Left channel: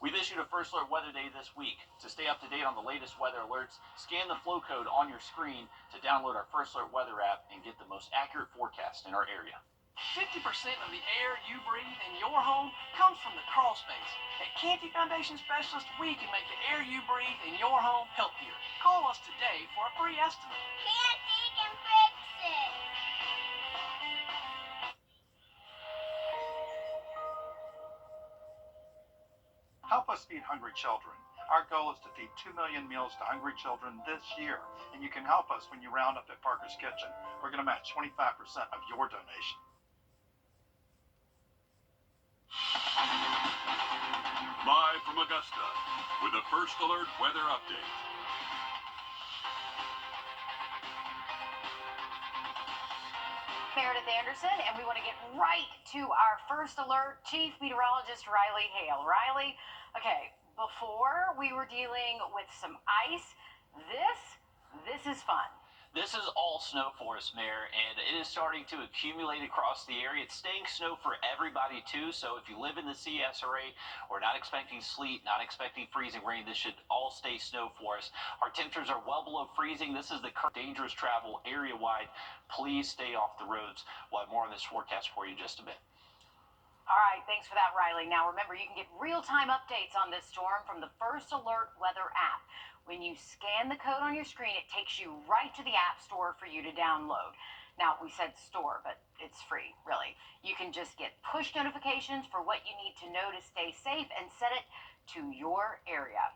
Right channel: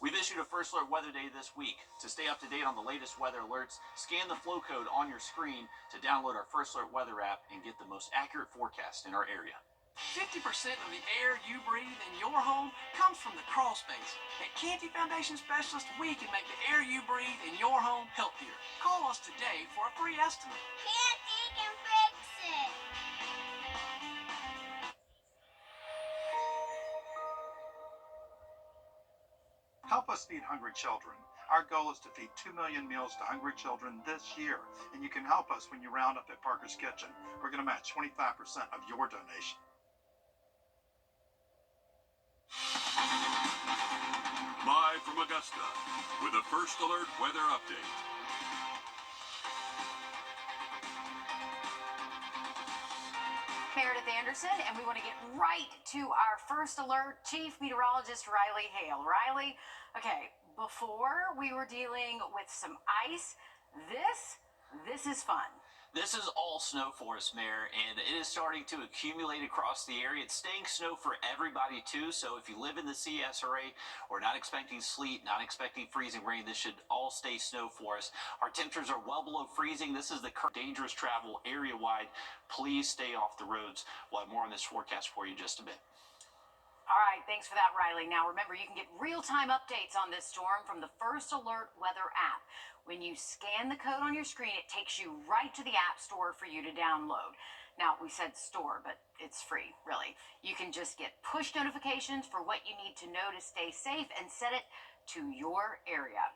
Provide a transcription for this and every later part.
We've issued a First Alert Weather Day this week. To stay up to date on the latest weather alerts, scan the flow code on your screen to download our First Alert Weather app and get the most accurate forecast in our area. 50% of the air you breathe in your home comes from the crawl space. At Canty Foundation Specialist, we can make the air you breathe in your home healthier. Call us today for a free estimate. Canty can fix it. Help us feed hungry children. Our goal is to feed 2 million meals to hungry children this year, and you can help us when you round up at Parker's Kitchen. We're going to match 25% of your donation. Live from Augusta with a First Alert Weather Update. Meredith Anderson, and we want to get right to our First Alert Chief Meteorologist Riley Hale. Riley, okay, before we were dealing with some ice, this is fun. This is all snow for us, Mayor, and it is starting to accumulate across the area. It's staying snow for everybody, too, so if you live in the CSRA, we're not expecting sleet, not expecting freezing rain. This should all stay snow for us. Our temperatures are well below freezing. This is the current dangerous travel area-wide. Please stay off the roads. We'll have more on this forecast for you in just a bit. All right, thanks for that, Riley. Now, remember, you can get real-time updates on this storm from the First Alert Weather app. When you scan the code on your screen, it takes you right to the App Store for you to download. Now, we said store, but it's free, really. You can just get push notifications for what you need to know to stay safe and set it to your area.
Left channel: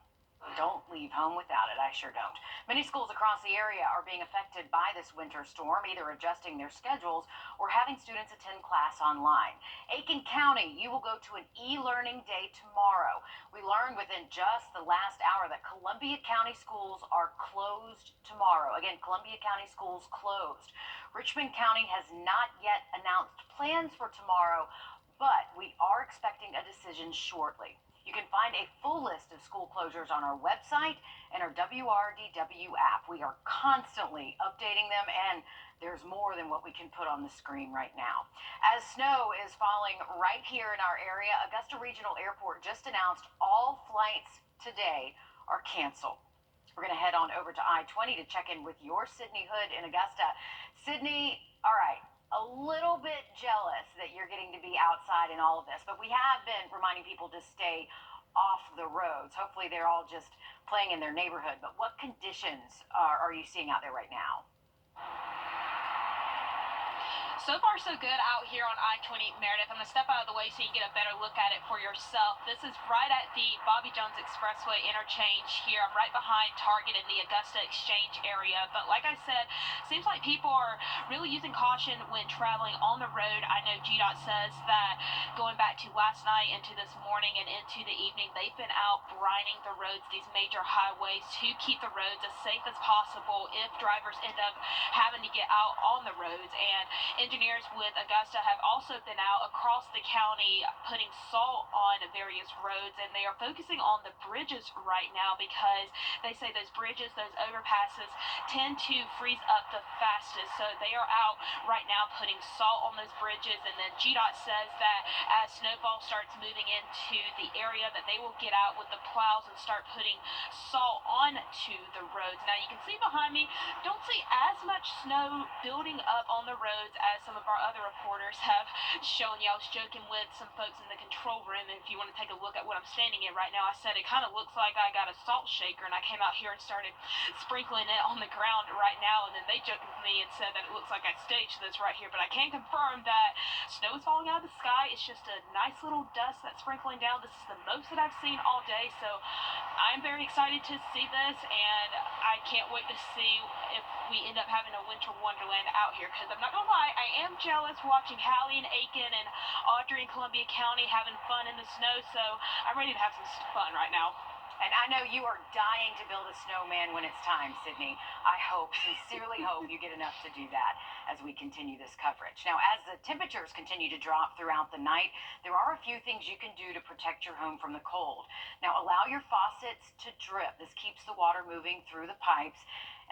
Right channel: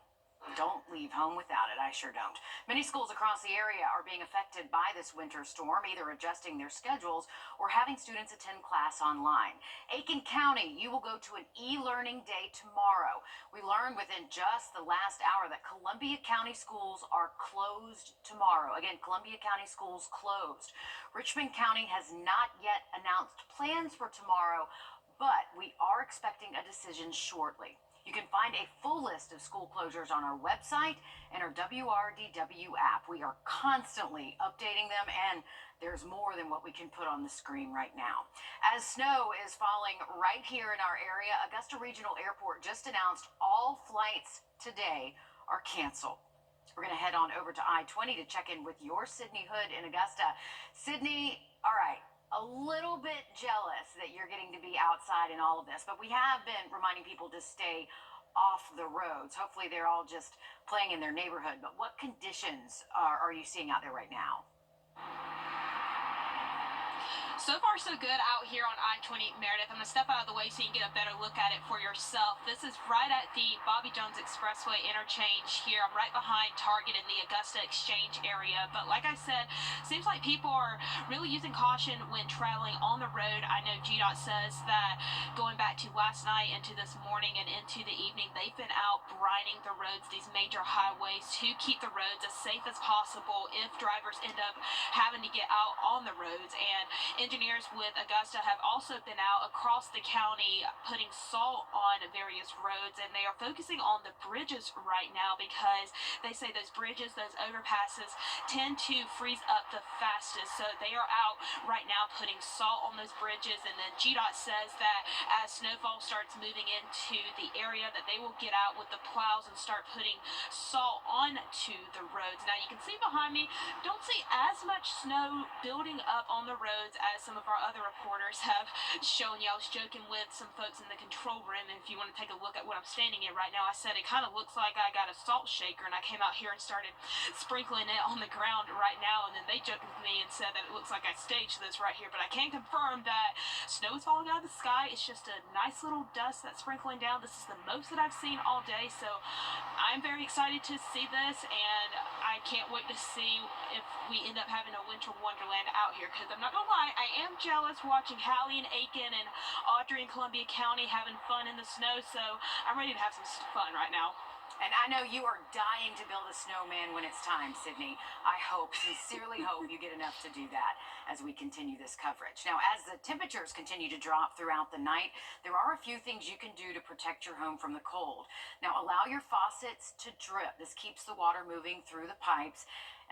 Don't leave home without it. I sure don't. Many schools across the area are being affected by this winter storm, either adjusting their schedules or having students attend class online. Aiken County, you will go to an e-learning day tomorrow. We learned within just the last hour that Columbia County schools are closed tomorrow. Again, Columbia County schools closed. Richmond County has not yet announced plans for tomorrow, but we are expecting a decision shortly. You can find a full list of school closures on our website and our Wrdw app. We are constantly updating them, and there's more than what we can put on the screen right now. As snow is falling right here in our area, Augusta Regional Airport just announced all flights today are canceled. We're going to head on over to I-20 to check in with your Sydney Hood in Augusta. Sydney, all right. A little bit jealous that you're getting to be outside in all of this, but we have been reminding people to stay off the roads. Hopefully they're all just playing in their neighborhood, but what conditions are you seeing out there right now? So far, so good out here on I-20, Meredith. I'm going to step out of the way so you can get a better look at it for yourself. This is right at the Bobby Jones Expressway interchange here. I'm right behind Target in the Augusta Exchange area. But like I said, seems like people are really using caution when traveling on the road. I know GDOT says that going back to last night into this morning and into the evening, they've been out brining the roads, these major highways, to keep the roads as safe as possible if drivers end up having to get out on the roads. And engineers with Augusta have also been out across the county putting salt on various roads, and they are focusing on the bridges right now because they say those bridges, those overpasses, tend to freeze up the fastest. So they are out right now putting salt on those bridges, and then GDOT says that as snowfall starts moving into the area that they will get out with the plows and start putting salt onto the roads. Now you can see behind me, don't see as much snow building up on the roads as some of our other reporters have shown you. I was joking with some folks in the control room, and if you want to take a look at what I'm standing in right now, I said it kind of looks like I got a salt shaker, and I came out here and started sprinkling it on the ground right now, and then they joked with me and said that it looks like I staged this right here, but I can confirm that snow is falling out of the sky. It's just a nice little dust that's sprinkling down. This is the most that I've seen all day, so I'm very excited to see this, and I can't wait to see if we end up having a winter wonderland out here, because I'm not gonna lie, I am jealous watching Hallie and Aiken and Audrey in Columbia County having fun in the snow, so I'm ready to have some fun right now. And I know you are dying to build a snowman when it's time, Sydney. I sincerely hope you get enough to do that as we continue this coverage. Now, as the temperatures continue to drop throughout the night, there are a few things you can do to protect your home from the cold. Now, allow your faucets to drip. This keeps the water moving through the pipes.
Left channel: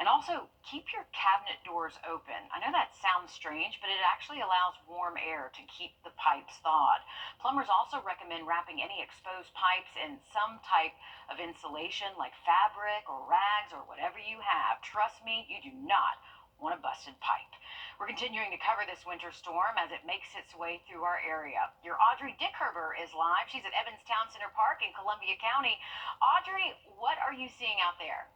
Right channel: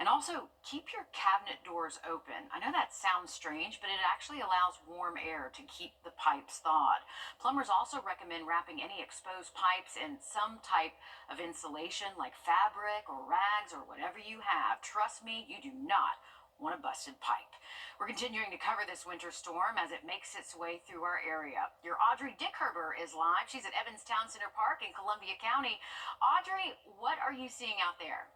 And also, keep your cabinet doors open. I know that sounds strange, but it actually allows warm air to keep the pipes thawed. Plumbers also recommend wrapping any exposed pipes in some type of insulation like fabric or rags or whatever you have. Trust me, you do not want a busted pipe. We're continuing to cover this winter storm as it makes its way through our area. Your Audrey Dickherber is live. She's at Evans Town Center Park in Columbia County. Audrey, what are you seeing out there?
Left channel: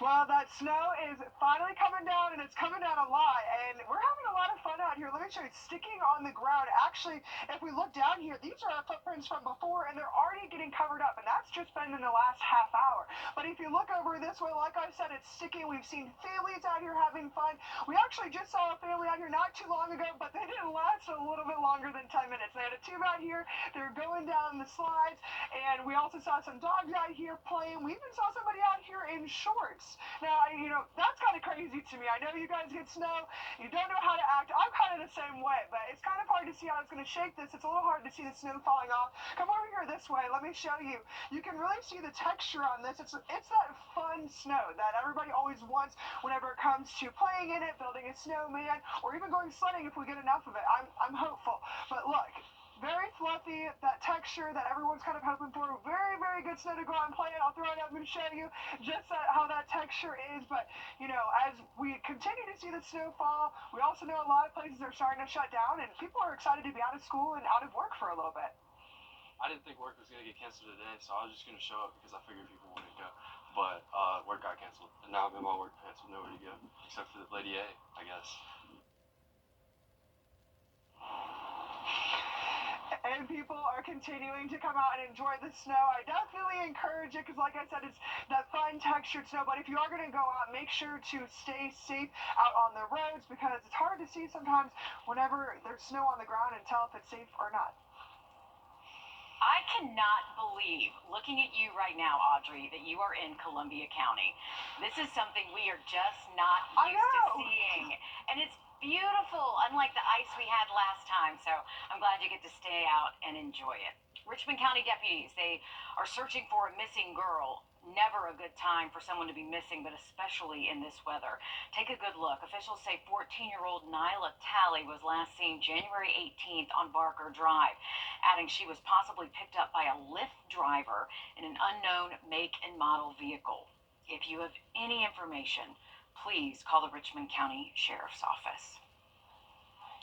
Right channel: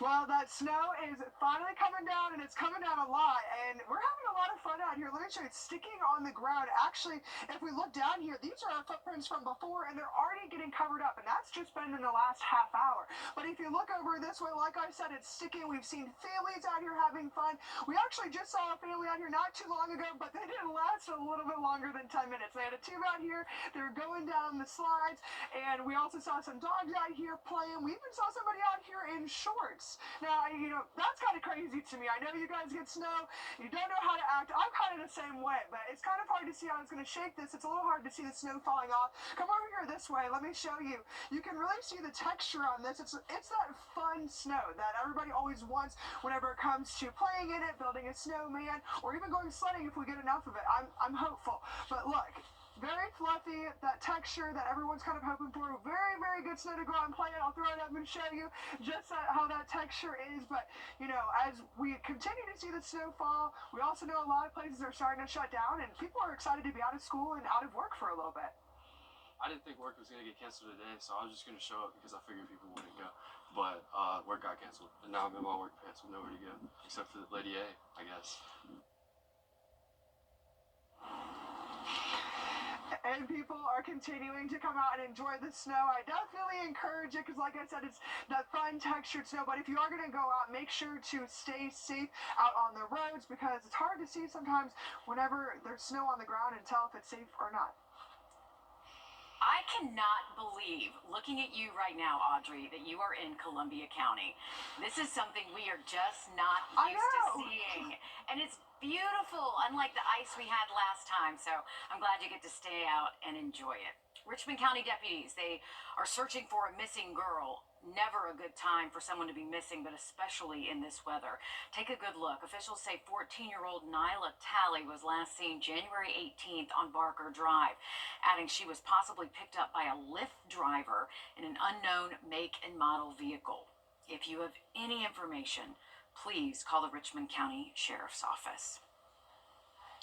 Well, that snow is finally coming down, and it's coming down a lot, and we're having a lot of fun out here. Let me show you. It's sticking on the ground. Actually, if we look down here, these are our footprints from before, and they're already getting covered up, and that's just been in the last half hour. But if you look over this way, like I said, it's sticking. We've seen families out here having fun. We actually just saw a family out here not too long ago, but they didn't last a little bit longer than 10 minutes. They had a tube out here. They were going down the slides, and we also saw some dogs out here playing. We even saw somebody out here in shorts. Now, that's kind of crazy to me. I know you guys get snow. You don't know how to act. I'm kind of the same way, but it's kind of hard to see how it's going to shake this. It's a little hard to see the snow falling off. Come over here this way. Let me show you. You can really see the texture on this. It's that fun snow that everybody always wants whenever it comes to playing in it, building a snowman, or even going sledding if we get enough of it. I'm hopeful. But look. Very fluffy, that texture that everyone's kind of hoping for. Very, very good snow to go out and play it. I'll throw it up and show you just how that texture is. But, as we continue to see the snow fall, we also know a lot of places are starting to shut down, and people are excited to be out of school and out of work for a little bit. I didn't think work was going to get canceled today, so I was just going to show up because I figured people wouldn't go. But work got canceled, and now I'm in my work pants with nowhere to go, except for Lady A, I guess. And people are continuing to come out and enjoy the snow. I definitely encourage it because, like I said, it's that fun textured snow. But if you are going to go out, make sure to stay safe out on the roads because it's hard to see sometimes whenever there's snow on the ground and tell if it's safe or not. I cannot believe, looking at you right now, Audrey, that you are in Columbia County. This is something we are just not used to seeing. And it's beautiful, unlike the ice we had last time. So I'm glad you get to stay out and enjoy it. Richmond County deputies, they are searching for a missing girl. Never a good time for someone to be missing, but especially in this weather. Take a good look. Officials say 14-year-old Nyla Talley was last seen January 18th on Barker Drive, adding she was possibly picked up by a Lyft driver in an unknown make and model vehicle. If you have any information, please call the Richmond County Sheriff's Office.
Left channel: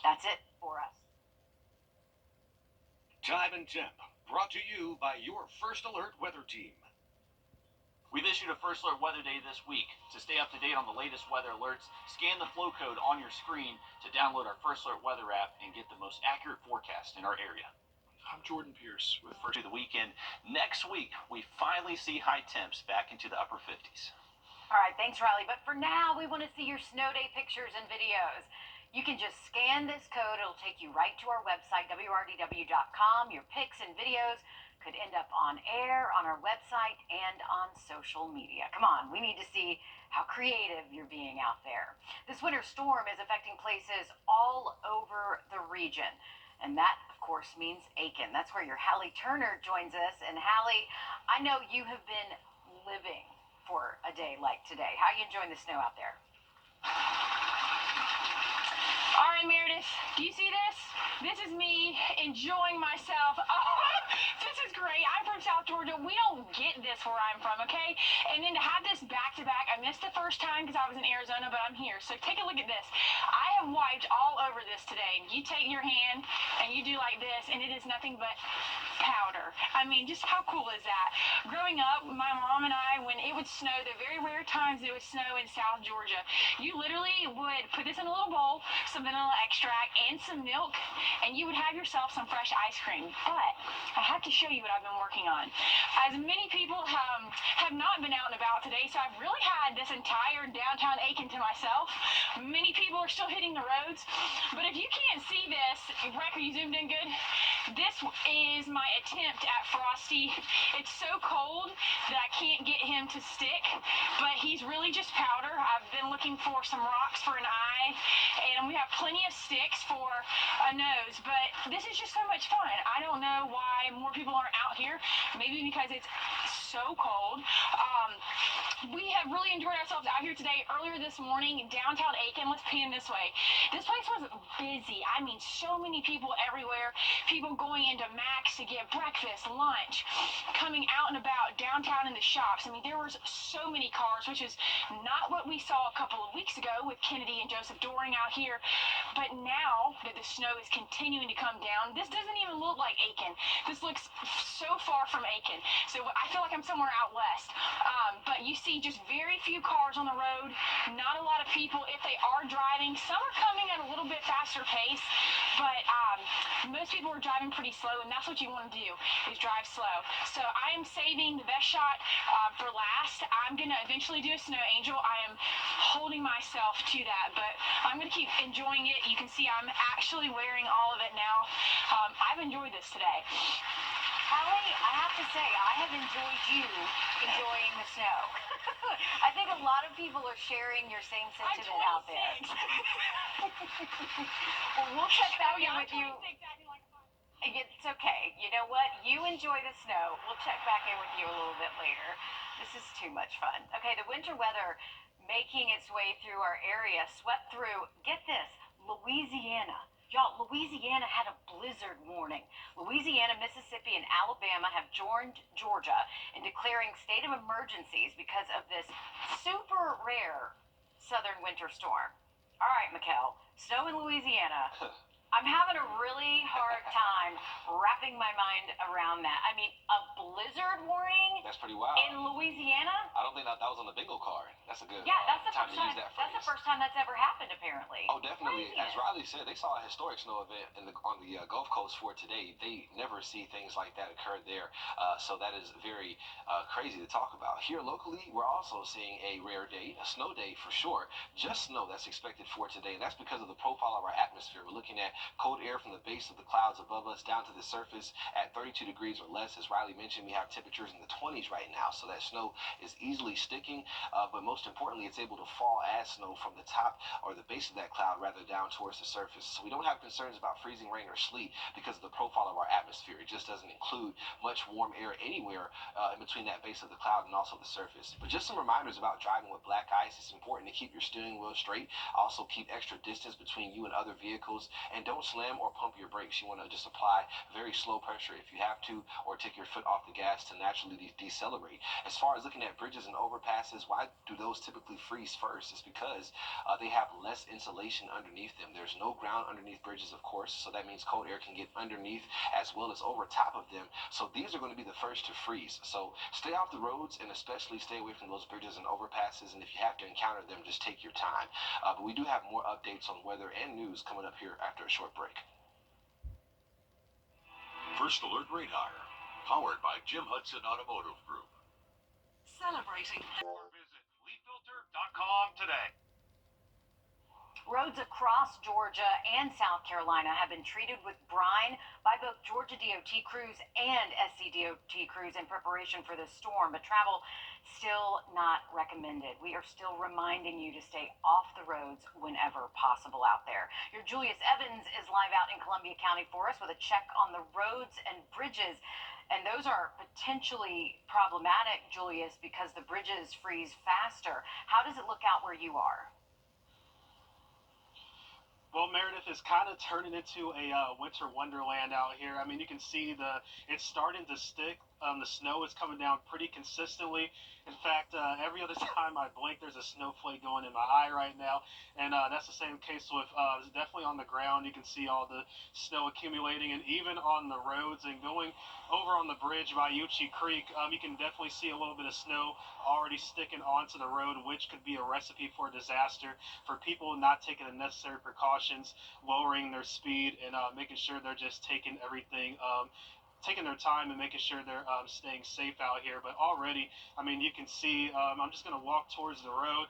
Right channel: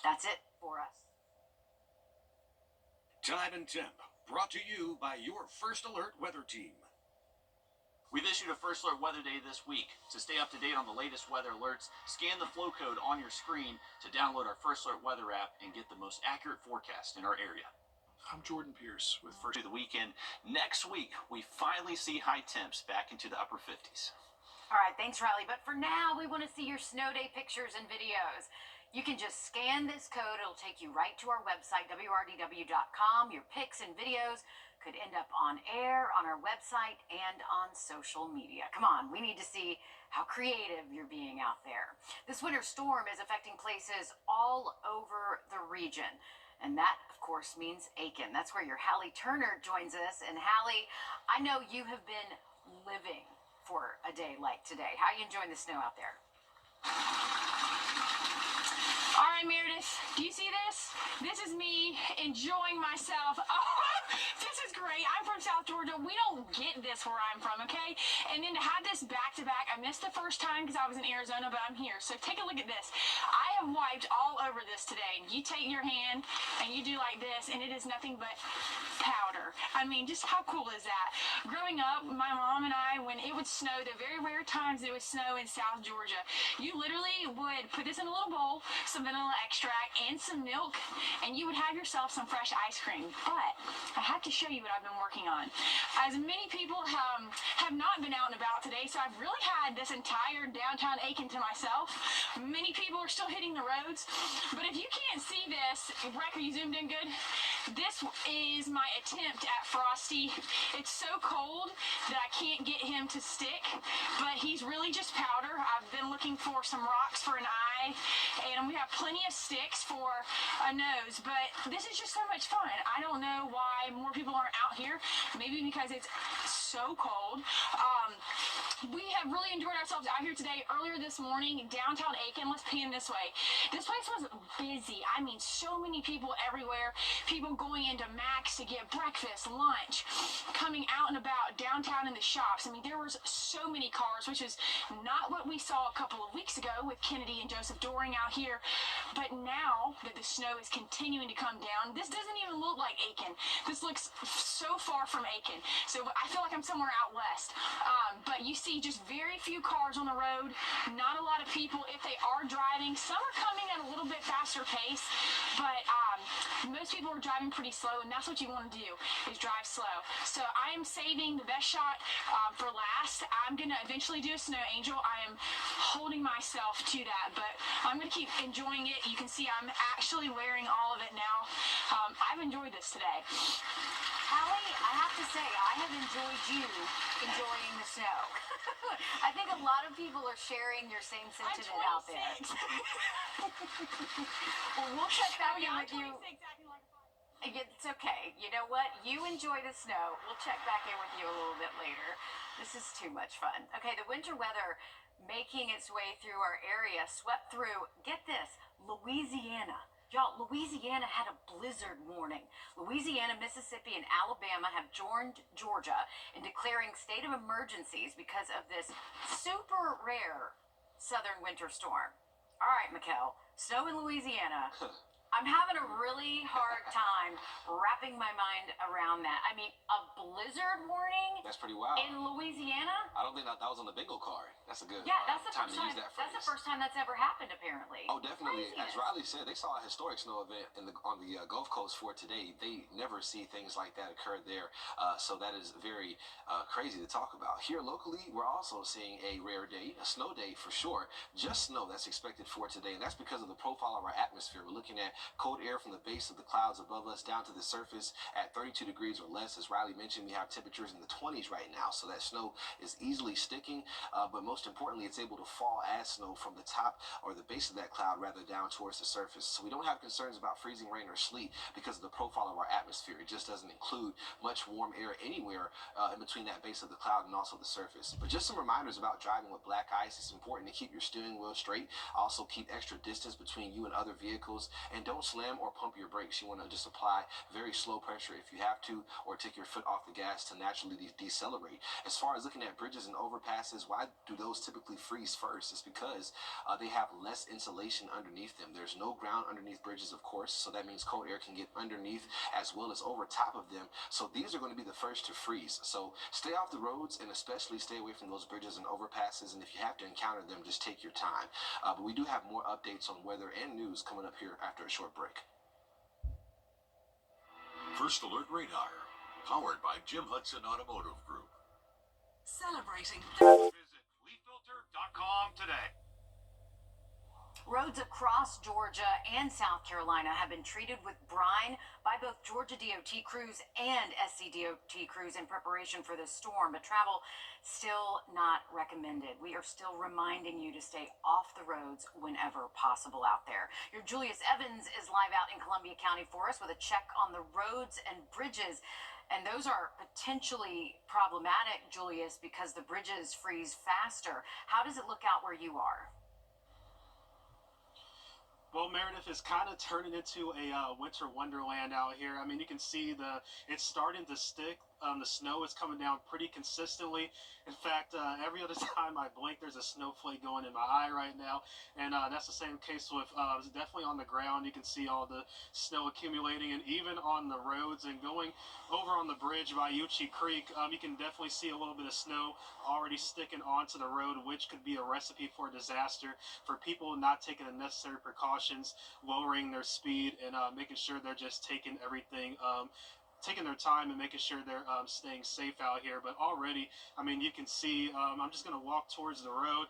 That's it for us. Time and Temp, brought to you by your First Alert weather team. We've issued a First Alert Weather Day this week. To stay up to date on the latest weather alerts, scan the flow code on your screen to download our First Alert Weather app and get the most accurate forecast in our area. I'm Jordan Pierce with First. To the weekend. Next week, we finally see high temps back into the upper 50s. All right, thanks, Riley. But for now, we want to see your snow day pictures and videos. You can just scan this code. It'll take you right to our website, wrdw.com. Your pics and videos could end up on air, on our website, and on social media. Come on, we need to see how creative you're being out there. This winter storm is affecting places all over the region. And that, of course, means Aiken. That's where your Hallie Turner joins us. And Hallie, I know you have been living for a day like today. How are you enjoying the snow out there? All right, Meredith, do you see this? This is me enjoying myself. Oh, this is great. I'm from South Georgia. We don't get this where I'm from, okay? And then to have this back-to-back, I missed the first time because I was in Arizona, but I'm here. So take a look at this. I have wiped all over this today. You take your hand and you do like this, and it is nothing but powder. I mean, just how cool is that? Growing up, my mom and I, when it would snow, the very rare times it would snow in South Georgia, you literally would put this in a little bowl, some vanilla extract, and some milk, and you would have yourself some fresh ice cream. But I have to show you what I've been working on. As many people have not been out and about today, so I've really had this entire downtown Aiken to myself. Many people are still hitting the roads, but if you can't see this, Breck, are you zoomed in good? This is my attempt at Frosty. It's so cold that I can't get him to stick, but he's really just powder. I've been looking for some rocks for an eye, and we have plenty of sticks for a nose, but this is just so much fun. I don't know why more people aren't out here. Maybe because it's so cold. We have really enjoyed ourselves out here today. Earlier this morning, downtown Aiken, let's pan this way. This place was busy. I mean, so many people everywhere. People going into Max to get breakfast, lunch, coming out and about downtown in the shops. I mean, there was so many cars, which is not what we saw a couple of weeks ago with Kennedy and Joseph Doring out here. But now that the snow is continuing to come down, this doesn't even look like Aiken. This looks so far from Aiken. So I feel like I'm somewhere out west. But you see just very few cars on the road, not a lot of people. If they are driving, some are coming at a little bit faster pace, but most people are driving pretty slow, and that's what you want to do, is drive slow. So I am saving the best shot for last. I'm going to eventually do a snow angel. I am holding myself to that, but I'm going to keep enjoying it. You can see I'm actually wearing all of it now. I've enjoyed this today. Allie, I have to say, I have enjoyed you enjoying the snow. I think a lot of people are sharing your same sentiment out there. Well, we'll check back in with you. It's okay. You know what? You enjoy the snow. We'll check back in with you a little bit later. This is too much fun. Okay, the winter weather making its way through our area swept through, get this, Louisiana. Y'all, Louisiana had a blizzard warning. Louisiana, Mississippi, and Alabama have joined Georgia in declaring state of emergencies because of this super rare southern winter storm. All right, Mikkel, snow in Louisiana. I'm having a really hard time wrapping my mind around that. I mean, a blizzard warning That's pretty wild. in Louisiana? I don't think that was on the bingo card. That's a good That's the time first to time. use that phrase. That's the first time that's ever happened, apparently. Oh, definitely. Craziness. As Riley said, they saw a historic snow event on the Gulf Coast for today. They never see things like that occur there, so that is very crazy to talk about. Here locally, we're also seeing a rare day, a snow day for sure. Just snow that's expected for today, and that's because of the profile of our atmosphere. We're looking at cold air from the base of the clouds above us down to the surface at 32 degrees or less. As Riley mentioned, we have temperatures in the 20s right now, so that snow is easily sticking, but most importantly, it's able to fall as snow from the top or the base of that cloud rather down towards the surface. So we don't have concerns about freezing rain or sleet because of the profile of our atmosphere. It just doesn't include much warm air anywhere in between that base of the cloud and also the surface. But just some reminders about driving with black ice. It's important to keep your steering wheel straight. Also keep extra distance between you and other vehicles, and don't slam or pump your brakes. You want to just apply very slow pressure if you have to, or take your foot off the gas to naturally decelerate. As far as looking at bridges and overpasses, why do those typically freeze first? It's because they have less insulation underneath them. There's no ground underneath bridges, of course, so that means cold air can get underneath as well as over top of them. So these are going to be the first to freeze. So stay off the roads, and especially stay away from those bridges and overpasses, and if you have to encounter them, just take your time. But we do have more updates on weather and news coming up here after a short break. First Alert Radar, powered by Jim Hudson Automotive Group. Celebrating. Visit leaffilter.com today. Roads across Georgia and South Carolina have been treated with brine by both Georgia DOT crews and SCDOT crews in preparation for this storm, but travel still not recommended. We are still reminding you to stay off the roads whenever possible out there. Your Julius Evans is live out in Columbia County for us with a check on the roads and bridges. And those are potentially problematic, Julius, because the bridges freeze faster. How does it look out where you are? Well, Meredith is kind of turning into a winter wonderland out here. I mean, you can see it's starting to stick. The snow is coming down pretty consistently. In fact, every other time I blink, there's a snowflake going in my eye right now. And that's the same case with definitely on the ground. You can see all the snow accumulating, and even on the roads and going over on the bridge by Uchee Creek, you can definitely see a little bit of snow already sticking onto the road, which could be a recipe for disaster for people not taking the necessary precautions, lowering their speed, and making sure they're just taking everything taking their time and making sure they're staying safe out here. But already, I mean, you can see, I'm just going to walk towards the road.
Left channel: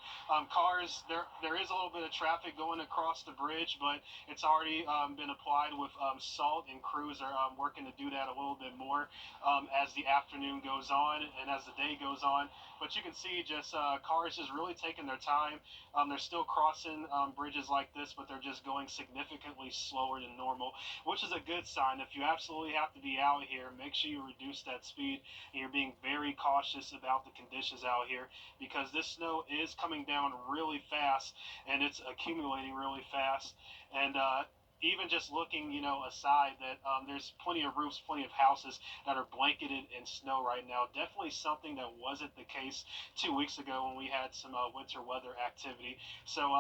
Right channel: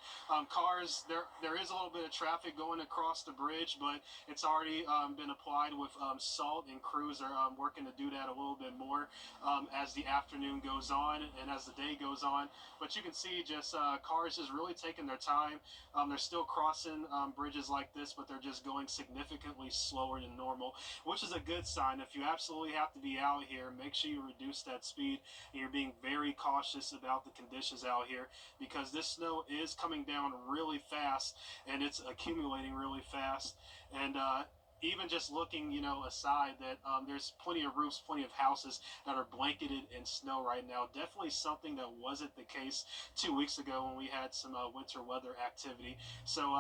Cars, there is a little bit of traffic going across the bridge, but it's already been applied with salt, and crews are working to do that a little bit more as the afternoon goes on and as the day goes on. But you can see just cars just really taking their time. They're still crossing bridges like this, but they're just going significantly slower than normal, which is a good sign. If you absolutely have to be out here, make sure you reduce that speed, and you're being very cautious about the conditions out here, because this snow is coming down really fast and it's accumulating really fast. And even just looking, aside that there's plenty of roofs, plenty of houses that are blanketed in snow right now. Definitely something that wasn't the case 2 weeks ago when we had some winter weather activity. So,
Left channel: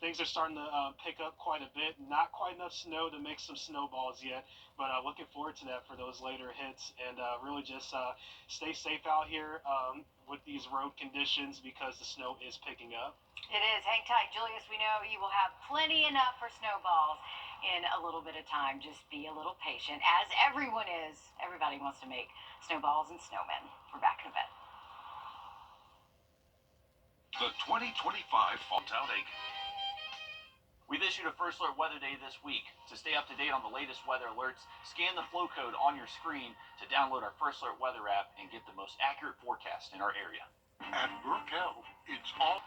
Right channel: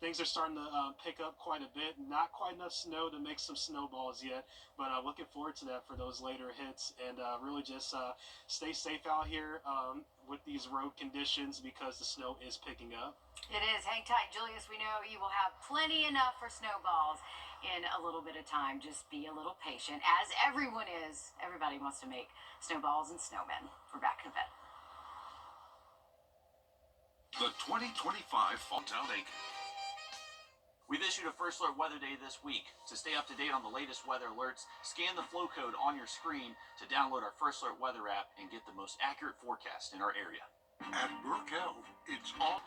things are starting to pick up quite a bit. Not quite enough snow to make some snowballs yet, but looking forward to that for those later hits. And really just stay safe out here with these road conditions, because the snow is picking up. It is. Hang tight, Julius. We know you will have plenty enough for snowballs in a little bit of time. Just be a little patient, as everyone is. Everybody wants to make snowballs and snowmen. We're back in a bit. The 2025 Fall Town Aiken. We've issued a First Alert Weather Day this week. To stay up to date on the latest weather alerts, scan the flow code on your screen to download our First Alert Weather app and get the most accurate forecast in our area. At Brookell, it's all.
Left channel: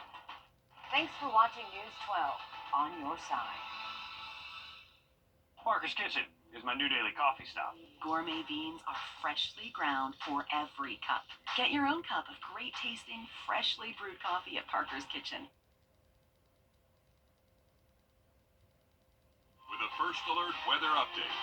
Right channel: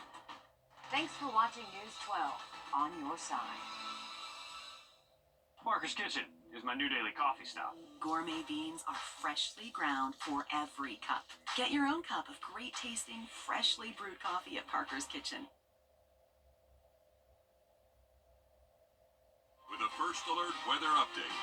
Thanks for watching News 12 on your side. Parker's Kitchen is my new daily coffee stop. Gourmet beans are freshly ground for every cup. Get your own cup of great tasting, freshly brewed coffee at Parker's Kitchen. With a First Alert Weather Update.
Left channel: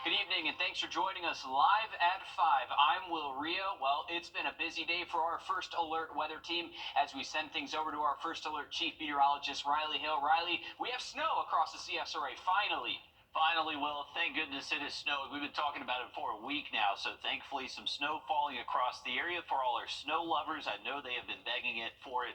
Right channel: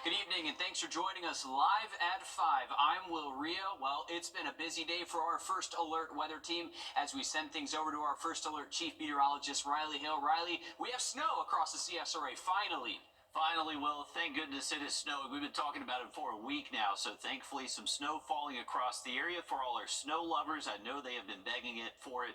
Good evening, and thanks for joining us live at 5. I'm Will Rio. Well, it's been a busy day for our First Alert weather team as we send things over to our First Alert Chief Meteorologist, Riley Hill. Riley, we have snow across the CSRA, finally. Finally, Will, thank goodness it is snowing. We've been talking about it for a week now, so thankfully some snow falling across the area for all our snow lovers. I know they have been begging it for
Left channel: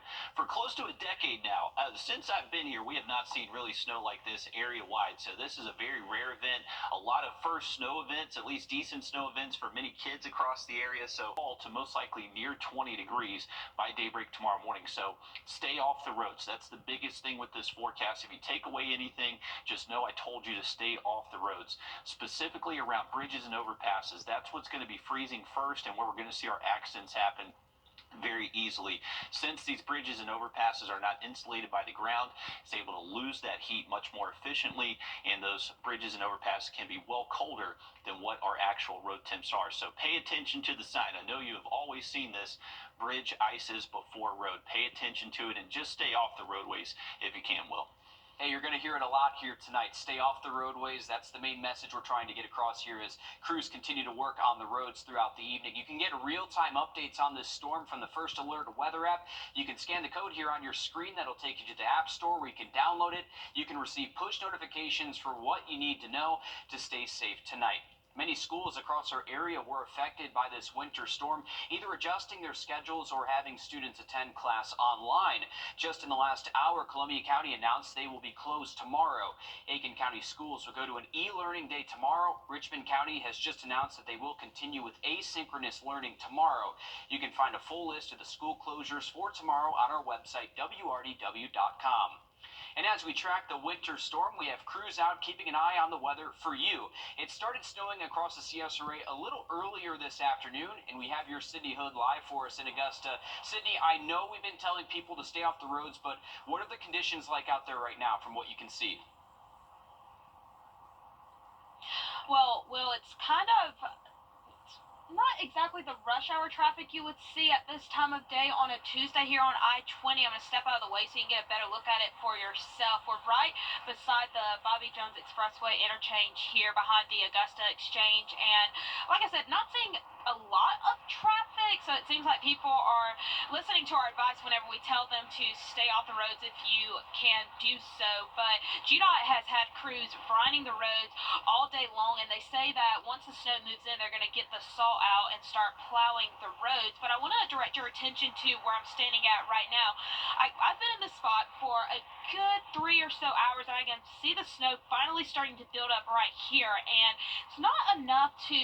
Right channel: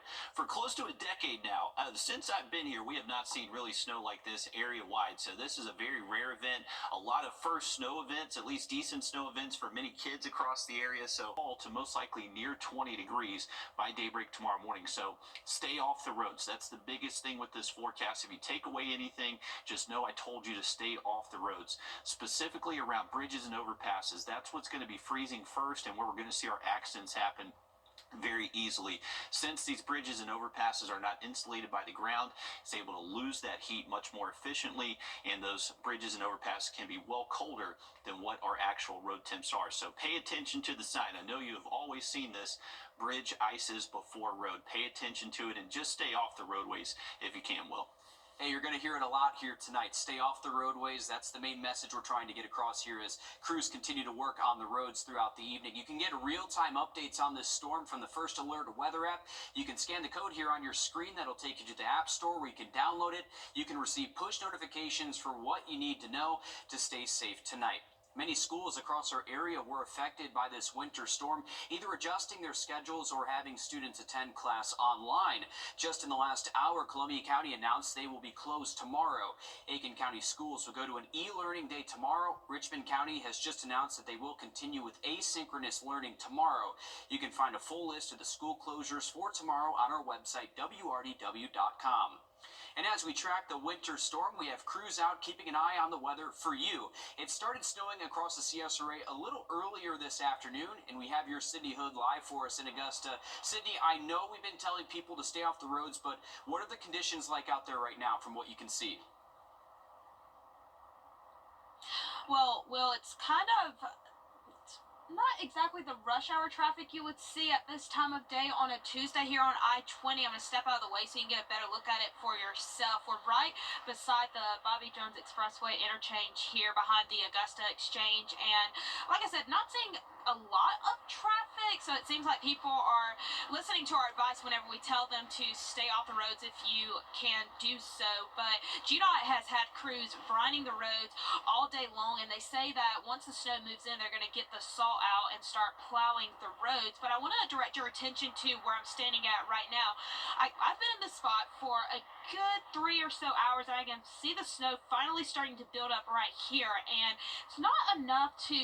close to a decade now. Since I've been here, we have not seen really snow like this area-wide, so this is a very rare event. A lot of first snow events, at least decent snow events for many kids across the area, so fall to most likely near 20 degrees by daybreak tomorrow morning. So stay off the roads. That's the biggest thing with this forecast. If you take away anything, just know I told you to stay off the roads, specifically around bridges and overpasses. That's what's going to be freezing first, and where we're going to see our accidents happen very easily. Since these bridges and overpasses are not insulated by the ground, it's able to lose that heat much more efficiently, and those bridges and overpasses can be well colder than what our actual road temps are. So pay attention to the sign. I know you have always seen this. Bridge ices before road. Pay attention to it and just stay off the roadways if you can, Will. Hey, you're going to hear it a lot here tonight. Stay off the roadways. That's the main message we're trying to get across here as crews continue to work on the roads throughout the evening. You can get real-time updates on this storm from the First Alert weather app. You can scan the code here on your screen. That'll take you to the App Store where you can download it. You can receive push notifications for what you need to know to stay safe tonight. Many schools across our area were affected by this winter storm, either adjusting their schedules or having students attend class online. Just in the last hour, Columbia County announced they will be closed tomorrow. Aiken County schools will go to an e-learning day tomorrow. Richmond County has just announced that they will continue with asynchronous learning tomorrow. You can find a full list of the school closures for tomorrow on our website, wrdw.com. And as we track the winter storm, we have crews out keeping an eye on the weather for you. It started snowing across the CSRA a little earlier this afternoon, and we have your Sydney Hood live for us in Augusta. Sydney, I know we've been telling people to stay off the roads, but what are the conditions like out there right now from what you can see? Well, Will, it's kind of not exactly the rush hour traffic you would see at this time of day on a Tuesday here on I-20. I'm going to step out of the way so you can get a better look at it for yourself. We're right beside the Bobby Jones Expressway interchange here behind the Augusta Exchange. And like I said, not seeing a lot of traffic, so it seems like people are listening to our advice whenever we tell them to stay off the roads if you can do so. But GDOT has had crews brining the roads all day long, and they say that once the snow moves in, they're going to get the salt out and start plowing the roads. But I want to direct your attention to where I'm standing at right now. I've been in this spot for a good 3 or so hours, and I can see the snow finally starting to build up right here. And it's not enough to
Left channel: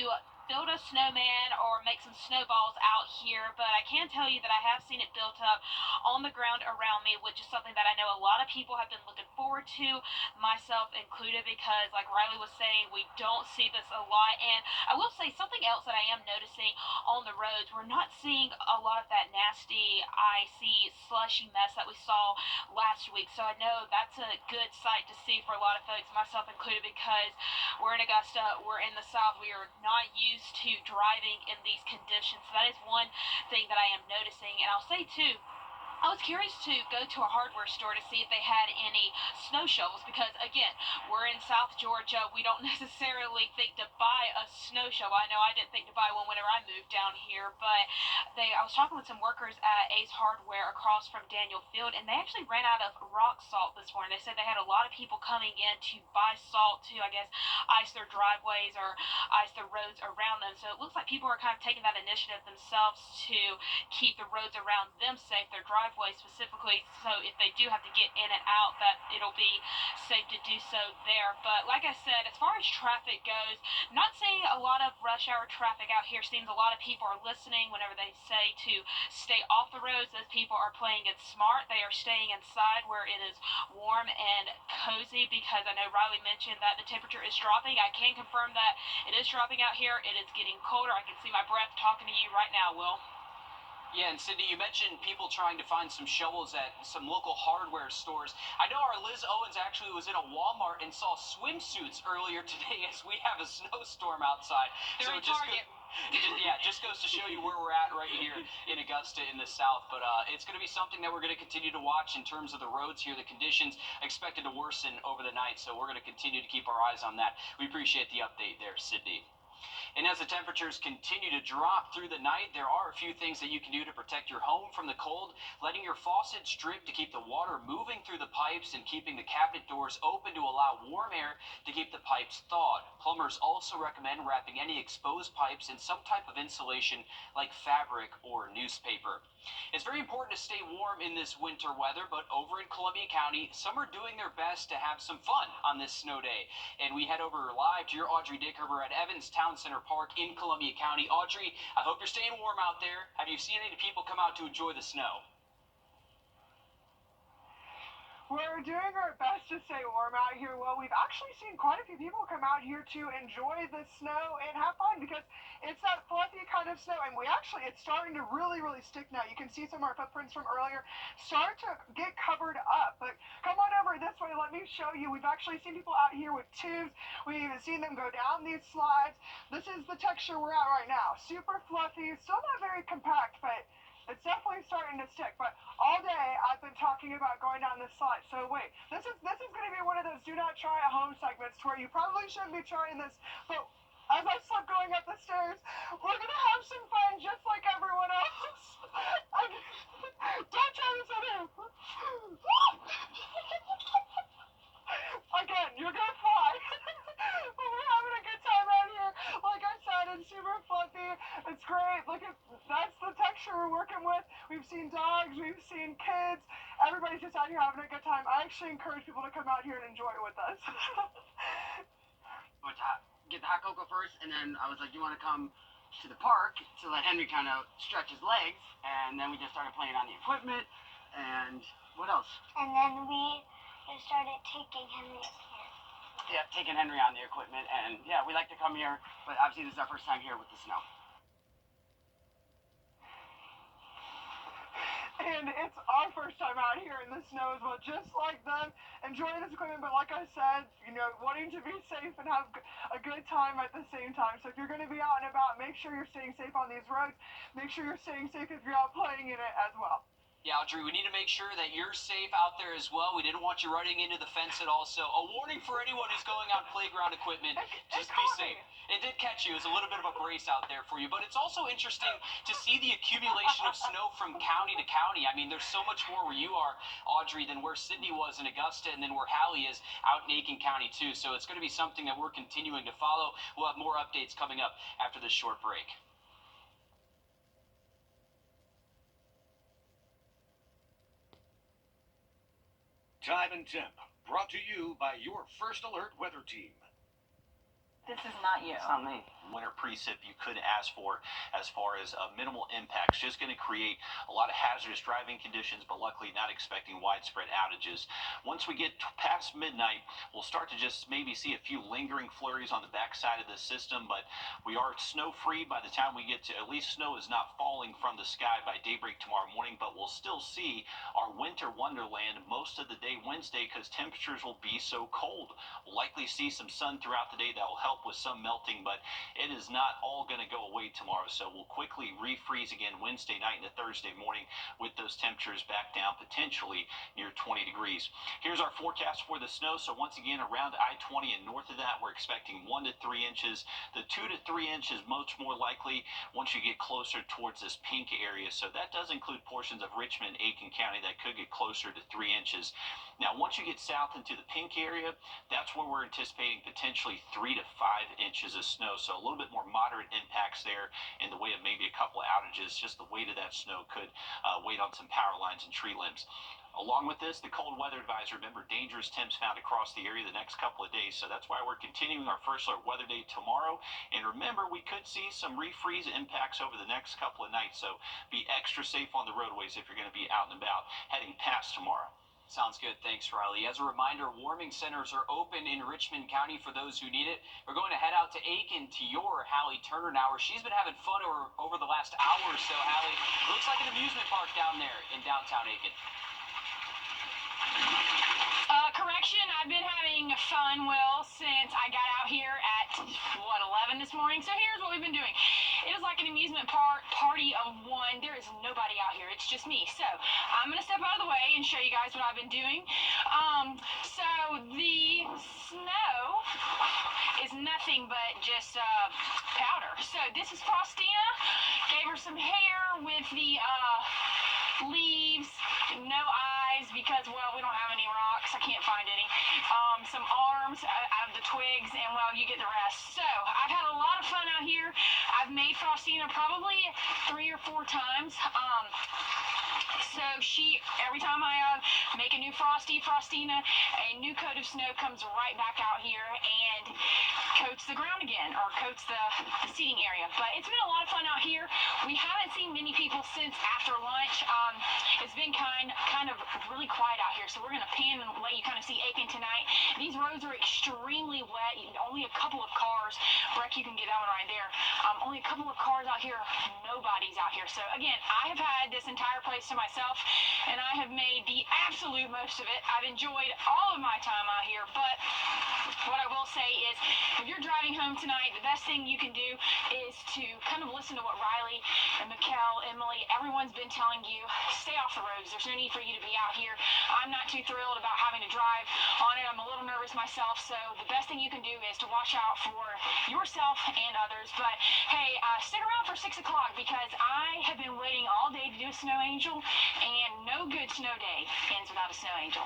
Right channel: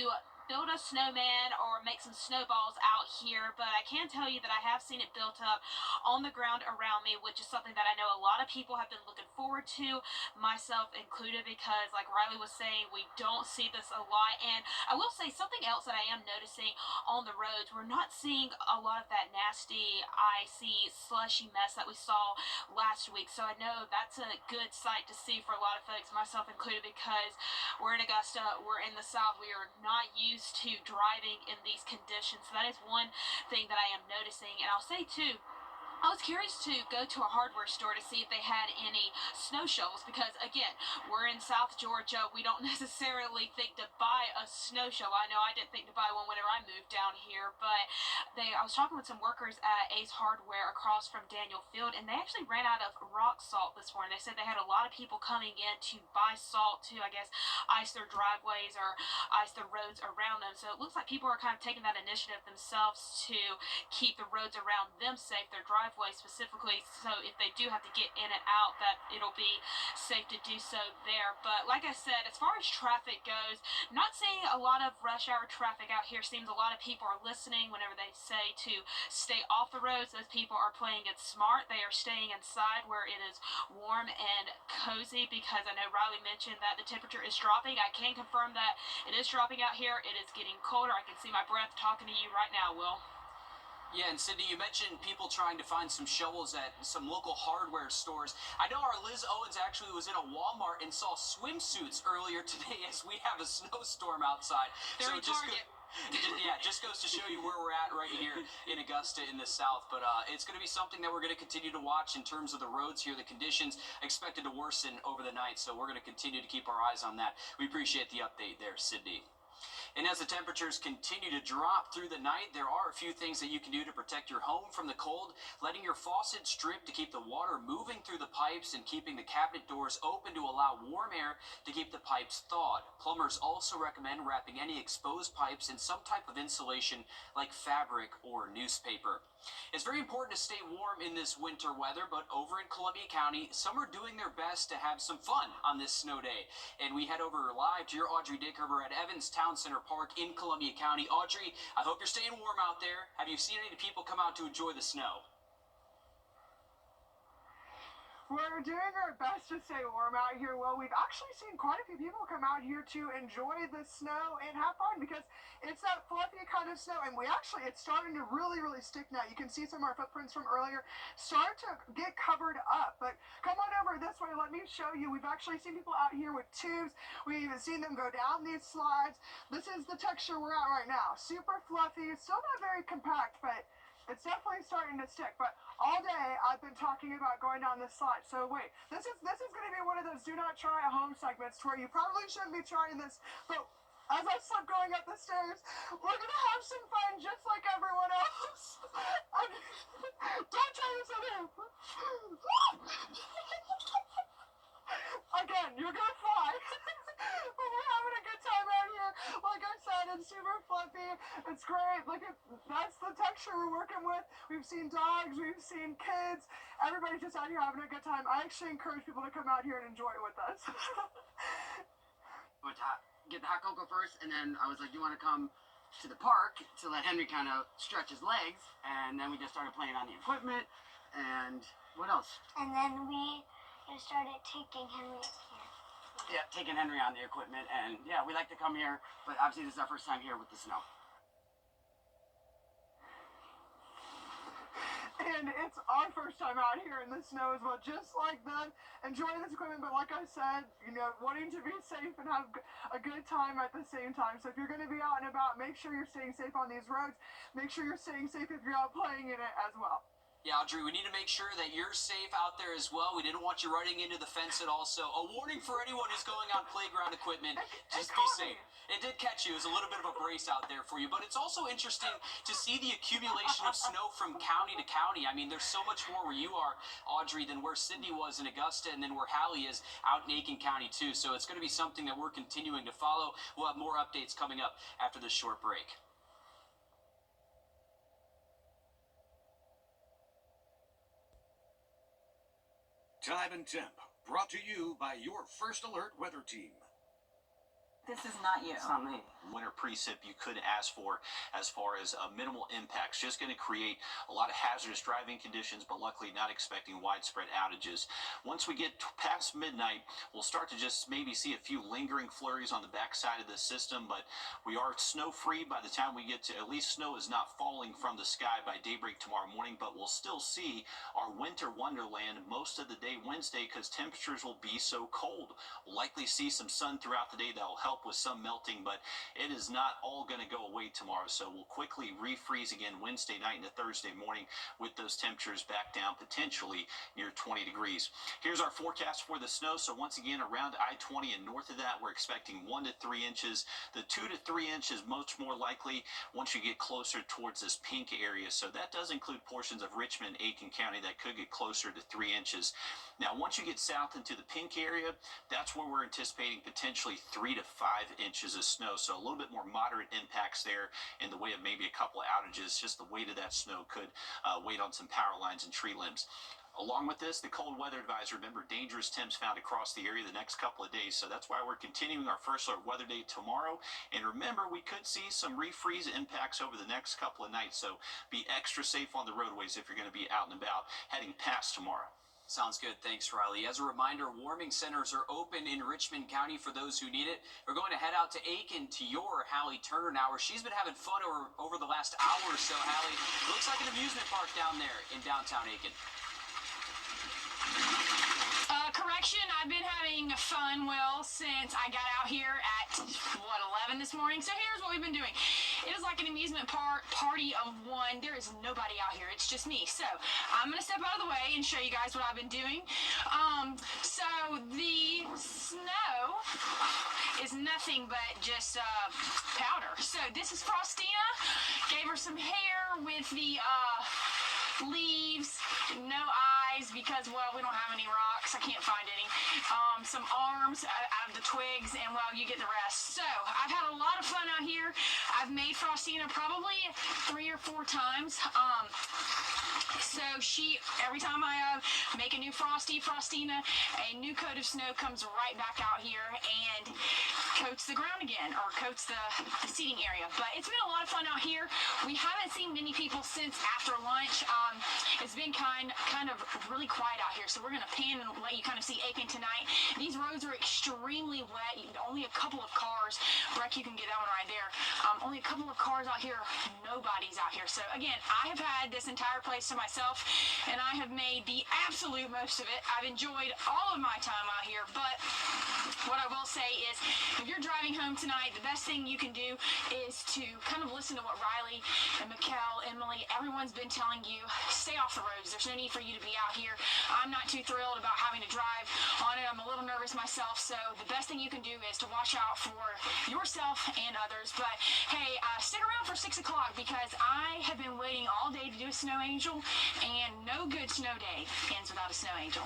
build a snowman or make some snowballs out here, but I can tell you that I have seen it built up on the ground around me, which is something that I know a lot of people have been looking forward to, myself included, because like Riley was saying, we don't see this a lot. And I will say something else that I am noticing on the roads, we're not seeing a lot of that nasty, icy, slushy mess that we saw last week. So I know that's a good sight to see for a lot of folks, myself included, because we're in Augusta, we're in the South, we are not used to driving in these conditions. So that is one thing that I am noticing. And I'll say too, I was curious to go to a hardware store to see if they had any snow shovels, because again, we're in South Georgia. We don't necessarily think to buy a snow shovel. I know I didn't think to buy one whenever I moved down here, but I was talking with some workers at Ace Hardware across from Daniel Field, and they actually ran out of rock salt this morning. They said they had a lot of people coming in to buy salt to, I guess, ice their driveways or ice the roads around them. So it looks like people are kind of taking that initiative themselves to keep the roads around them safe, their driveways specifically, so if they do have to get in and out, that it'll be safe to do so there. But like I said, as far as traffic goes, not seeing a lot of rush hour traffic out here. Seems a lot of people are listening whenever they say to stay off the roads. Those people are playing it smart. They are staying inside where it is warm and cozy, because I know Riley mentioned that the temperature is dropping. I can confirm that it is dropping out here. It is getting colder. I can see my breath talking to you right now, Will. Yeah, and Sydney, you mentioned people trying to find some shovels at some local hardware stores. I know our Liz Owens actually was in a Walmart and saw swimsuits earlier today as we have a snowstorm outside. They're in Target. Yeah, just goes to show you where we're at right here in Augusta in the South. But it's going to be something that we're going to continue to watch in terms of the roads here. The conditions expected to worsen over the night, so we're going to continue to keep our eyes on that. We appreciate the update there, Sydney. And as the temperatures continue to drop through the night, there are a few things that you can do to protect your home from the cold. Letting your faucets drip to keep the water moving through the pipes, and keeping the cabinet doors open to allow warm air to keep the pipes thawed. Plumbers also recommend wrapping any exposed pipes in some type of insulation like fabric or newspaper. It's very important to stay warm in this winter weather, but over in Columbia County, some are doing their best to have some fun on this snow day. And we head over live to your Audrey Dickerber at Evans Town Center Park in Columbia County. Audrey, I hope you're staying warm out there. Have you seen any people come out to enjoy the snow? We're doing our best to stay warm out here. Well, we've actually seen quite a few people come out here to enjoy the snow and have fun, because it's that fluffy kind of snow, and it's starting to really stick now. You can see some of our footprints from earlier start to get covered up. But come on over this way, let me show you. We've actually seen people out here with tubes. We've even seen them go down these slides. This is the texture we're at right now. Super fluffy, still not very compact, but it's definitely starting to stick. But all day I've been talking about going down this slide. So wait, this is going to be one of those do not try at home segments where you probably shouldn't be trying this. But as I start going up the stairs, we're going to have some fun just like everyone else. Don't try this at home. Again, you're going to fly. But we're having a good time out here. Like I said, it's super fluffy. It's great. Look at, that's the texture we're working with. We've seen dogs, we've seen kids. Everybody's just out here having a good time. I actually encourage people to come out here and enjoy it with us. Get the hot cocoa first, and then I was like, you want to come to the park to let Henry kind of stretch his legs, and then we just started playing on the equipment, and what else? And then we just started taking Henry up here. Yeah, taking Henry on the equipment, and yeah, we like to come here, but obviously this is our first time here with the snow. And it's our first time out here in the snow as well, just like them, enjoying this equipment, but like I said, wanting to be safe and have a good time at the same time. So if you're going to be out and about, make sure you're staying safe on these roads. Make sure you're staying safe if you're out playing in it as well. Yeah, Audrey, we need to make sure that you're safe out there as well. We didn't want you running into the fence at all. So a warning for anyone who's going on playground equipment, just be safe. It did catch you. It was a little bit of a brace out there for you. But it's also interesting to see the accumulation of snow from county to county. I mean, there's so much more where you are, Audrey, than where Sydney was in Augusta, and then where Hallie is out in Aiken County, too. So it's going to be something that we're continuing to follow. We'll have more updates coming up after this short break. time and temp, brought to you by your First Alert weather team. This is not you. It's not me. Winter precip you could ask for as far as minimal impacts. Just going to create a lot of hazardous driving conditions, but luckily not expecting widespread outages. Once we get past midnight, we'll start to just maybe see a few lingering flurries on the backside of the system, but we are snow-free by the time we get to, at least snow is not falling from the sky by daybreak tomorrow morning, but we'll still see our winter wonderland most of the day Wednesday because temperatures will be so cold. We'll likely see some sun throughout the day that will help with some melting, but it is not all going to go away tomorrow, so we'll quickly refreeze again Wednesday night into Thursday morning with those temperatures back down potentially near 20 degrees. Here's our forecast for the snow. So once again, around I-20 and north of that, we're expecting 1 to 3 inches. The 2 to 3 inches much more likely once you get closer towards this pink area, so that does include portions of Richmond and Aiken County that could get closer to 3 inches. Now, once you get south into the pink area, that's where we're anticipating potentially 3 to 5 inches of snow. So a little bit more moderate impacts there in the way of maybe a couple of outages. Just the weight of that snow could weigh on some power lines and tree limbs. Along with this, the cold weather advisory, remember, dangerous temps found across the area the next couple of days. So that's why we're continuing our First Alert weather day tomorrow. And remember, we could see some refreeze impacts over the next couple of nights. So be extra safe on the roadways if you're going to be out and about heading past tomorrow. Sounds good. Thanks, Riley. As a reminder, warming centers are open in Richmond County for those who need it. We're going to head out to Aiken to your Hallie Turner now, where she's been having fun over the last hour or so. Hallie, looks like an amusement park down there in downtown Aiken. Correction, I've been having fun, Will, since I got out here at, 11 this morning. So here's what we've been doing. It is like an amusement park, party of one. There is nobody out here. It's just me. So I'm going to step out of the way and show you guys what I've been doing. So the snow is nothing but just powder. So this is Frostina. Gave her some hair with the leaves, no eyes because, well, we don't have any rocks. I can't find any. Some arms out of the twigs, and, well, you get the rest. So I've had a lot of fun out here. I've made Frostina probably 3 or 4 times. So every time I make a new Frostina, a new coat of snow comes right back out here and coats the ground again, or coats the seating area. But it's been a lot of fun out here. We haven't seen many people since after lunch. It's been kind of really quiet out here, so we're going to pan and let you kind of see Aiken tonight. These roads are extremely wet. Only a couple of cars. Breck, you can get that one right there. Only a couple of cars out here. Nobody's out here. So again, I have had this entire place to myself, and I have made the absolute most of it. I've enjoyed all of my time out here, but what I will say is, if you're driving home tonight, the best thing you can do is to kind of listen to what Riley and Mikkel, Emily, everyone's been telling you. Stay off the roads. There's no need for you to be out here. I'm not too thrilled about having to drive on it. I'm a little nervous myself, so the best thing you can do is to watch out for yourself and others. But hey, stick around for 6 o'clock because I have been waiting all day to do a snow angel, and no good snow day ends without a snow angel.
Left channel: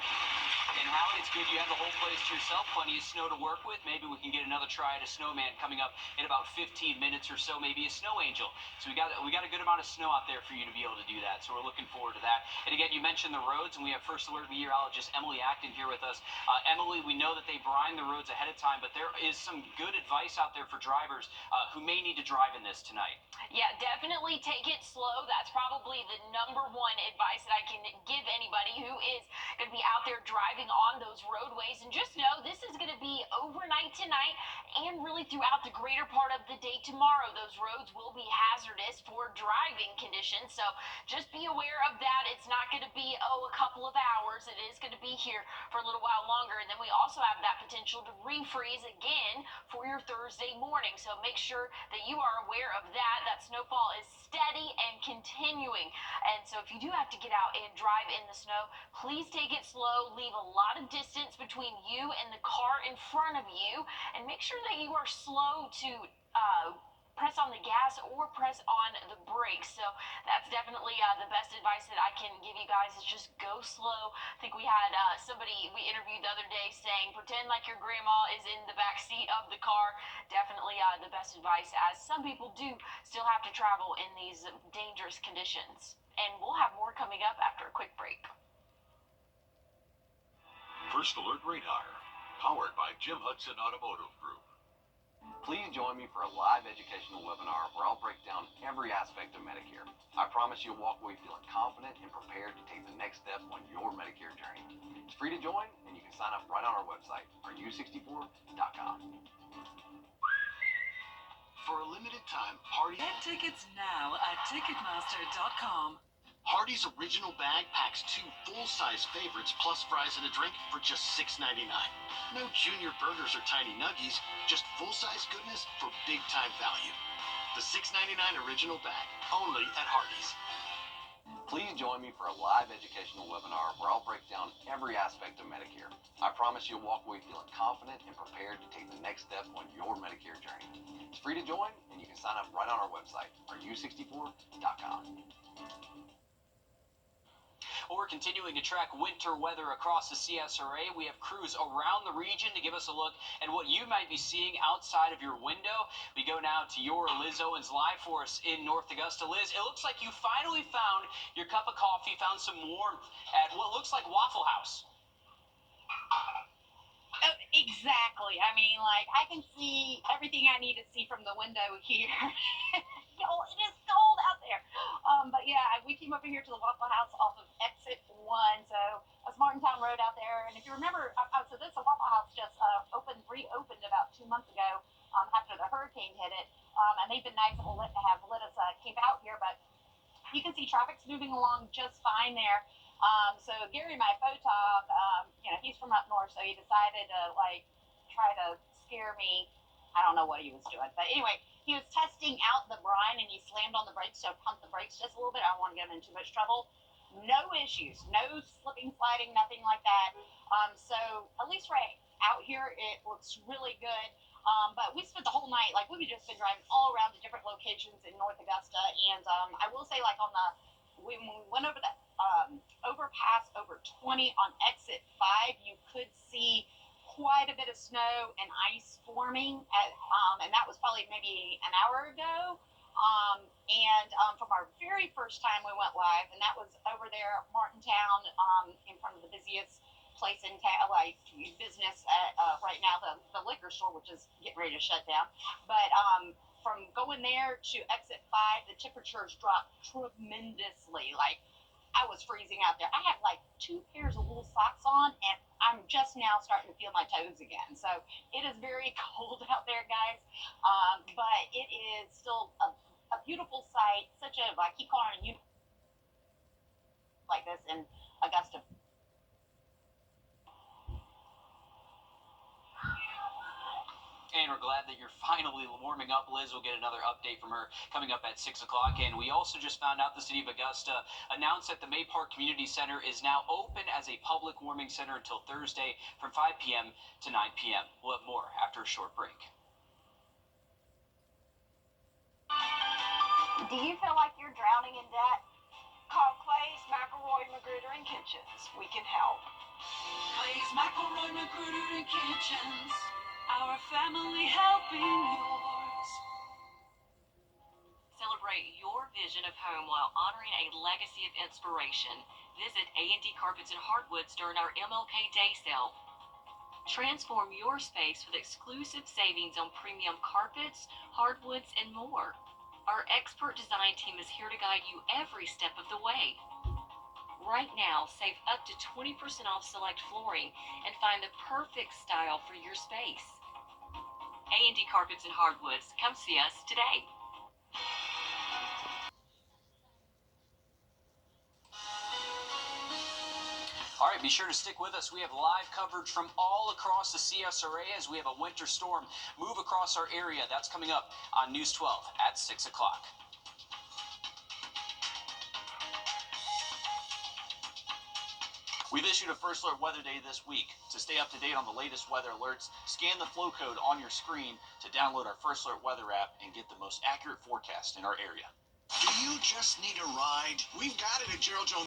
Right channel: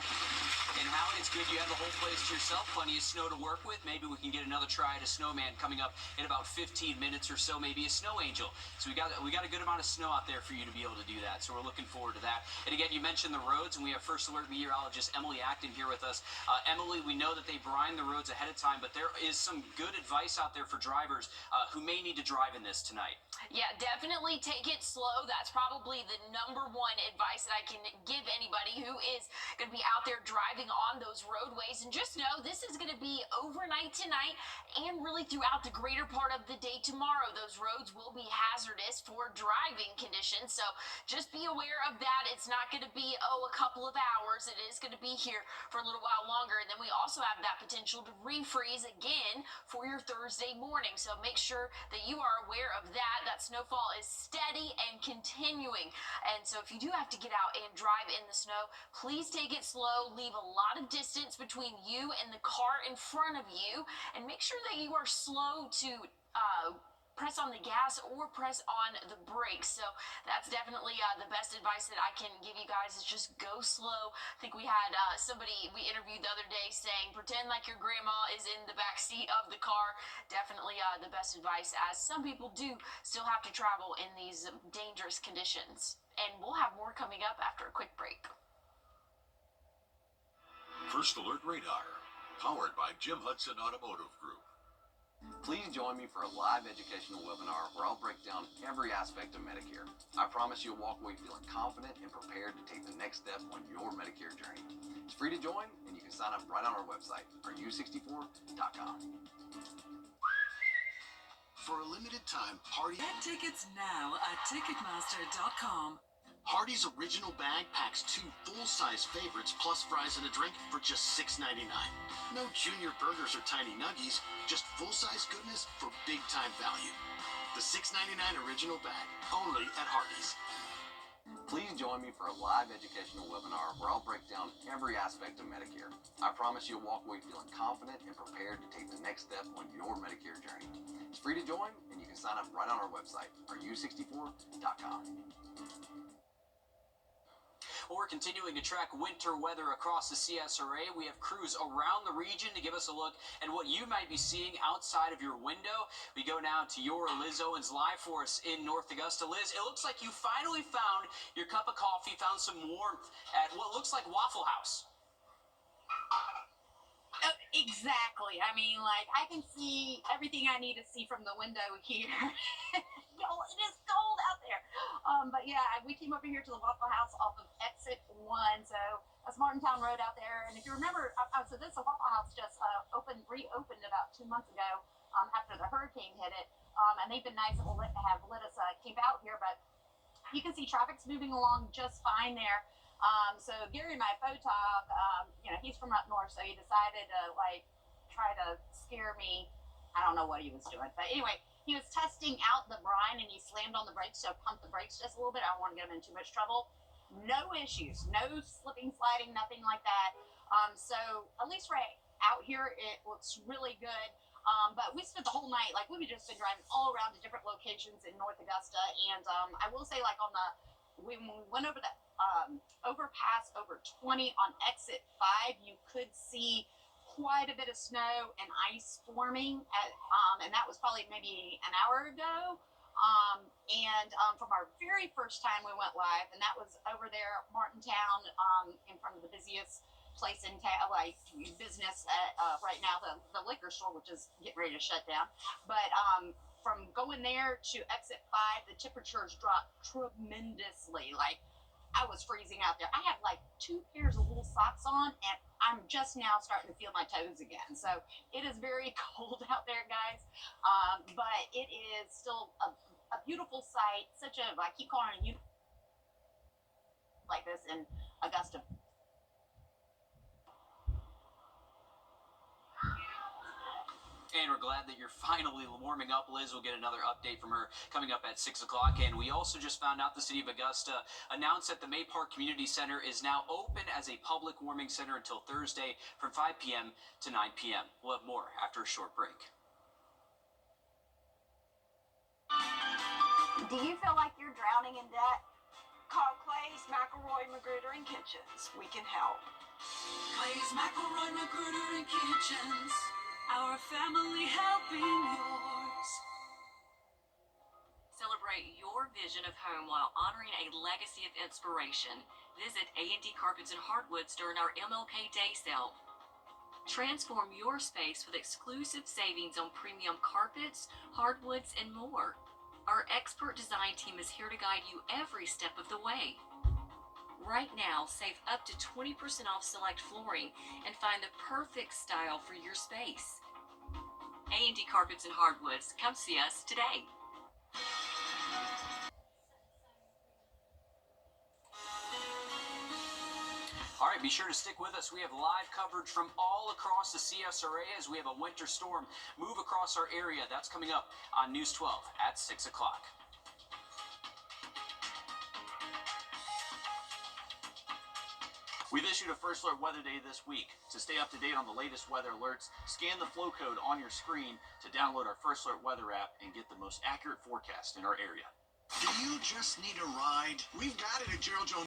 And Hallie, it's good you have the whole place to yourself. Plenty of snow to work with. Maybe we can get another try at a snowman coming up in about 15 minutes or so. Maybe a snow angel. So we got a good amount of snow out there for you to be able to do that. So we're looking forward to that. And again, you mentioned the roads, and we have First Alert meteorologist Emily Acton here with us. Emily, we know that they brine the roads ahead of time, but there is some good advice out there for drivers who may need to drive in this tonight. Yeah, definitely take it slow. That's probably the #1 advice that I can give anybody who is going to be out there driving on those roadways. And just know this is going to be overnight tonight and really throughout the greater part of the day tomorrow. Those roads will be hazardous for driving conditions. So just be aware of that. It's not going to be, a couple of hours. It is going to be here for a little while longer. And then we also have that potential to refreeze again for your Thursday morning. So make sure that you are aware of that. That snowfall is steady and continuing. And so if you do have to get out and drive in the snow, please take it slow. Leave a lot of distance between you and the car in front of you. And make sure that you are slow to press on the gas or press on the brakes. So that's definitely the best advice that I can give you guys is just go slow. I think we had somebody we interviewed the other day saying, pretend like your grandma is in the back seat of the car. Definitely the best advice, as some people do still have to travel in these dangerous conditions. And we'll have more coming up after a quick break. First Alert Radar, powered by Jim Hudson Automotive Group. Please join me for a live educational webinar where I'll break down every aspect of Medicare. I promise you'll walk away feeling confident and prepared to take the next step on your Medicare journey. It's free to join, and you can sign up right on our website, rdu64.com. For a limited time, Hardy. Get tickets now at Ticketmaster.com. Hardy's original bag packs 2 full-size favorites plus fries and a drink for just $6.99. No junior burgers or tiny nuggies, just full-size goodness for big-time value. The $6.99 original bag, only at Hardy's. Please join me for a live educational webinar where I'll break down every aspect of Medicare. I promise you'll walk away feeling confident and prepared to take the next step on your Medicare journey. It's free to join, and you can sign up right on our website, rdu64.com. Well, we're continuing to track winter weather across the CSRA. We have crews around the region to give us a look at what you might be seeing outside of your window. We go now to your Liz Owens live for us in North Augusta. Liz, it looks like you finally found your cup of coffee, found some warmth at what looks like Waffle House. Exactly. I mean, like, I can see everything I need to see from the window here. It is cold out there. But yeah, we came over here to the Waffle House off of exit 1. So that's Martintown Road out there. And if you remember, so this Waffle House just reopened about 2 months ago after the hurricane hit it. And they've been nice and have let us camp out here. But you can see traffic's moving along just fine there. So Gary, my photog, he's from up north, so he decided to try to scare me. I don't know what he was doing, but anyway, he was testing out the brine and he slammed on the brakes, so pumped the brakes just a little bit. I don't want to get him in too much trouble. No issues, no slipping, sliding, nothing like that. So at least right out here, it looks really good. But we spent the whole night, we've just been driving all around to different locations in North Augusta, and I will say, when we went over the overpass over 20 on exit 5, you could see quite a bit of snow and ice forming and that was probably maybe an hour ago. From our very first time we went live, and that was over there at Martintown, in front of the busiest place in town, business right now, the liquor store, which is getting ready to shut down. But from going there to exit 5, the temperatures dropped tremendously. I was freezing out there. I had 2 pairs of little socks on, and I'm just now starting to feel my toes again. So it is very cold out there, guys. But it is still a beautiful sight. I keep calling it like this in Augusta. And we're glad that you're finally warming up. Liz will get another update from her coming up at 6 o'clock. And we also just found out the city of Augusta announced that the May Park Community Center is now open as a public warming center until Thursday from 5 p.m. to 9 p.m. We'll have more after a short break. Do you feel like you're drowning in debt? Call Clay's, McElroy, Magruder, and Kitchens. We can help. Clay's, McElroy, Magruder, and Kitchens. Our family helping yours. Celebrate your vision of home while honoring a legacy of inspiration. Visit A&D Carpets and Hardwoods during our MLK Day sale. Transform your space with exclusive savings on premium carpets, hardwoods, and more. Our expert design team is here to guide you every step of the way. Right now, save up to 20% off select flooring and find the perfect style for your space. A&D Carpets and Hardwoods. Come see us today. All right, be sure to stick with us. We have live coverage from all across the CSRA as we have a winter storm move across our area. That's coming up on News 12 at 6 o'clock. We've issued a First Alert Weather Day this week. To stay up to date on the latest weather alerts, scan the flow code on your screen to download our First Alert Weather app and get the most accurate forecast in our area. Do you just need a ride? We've got it at Gerald Jones.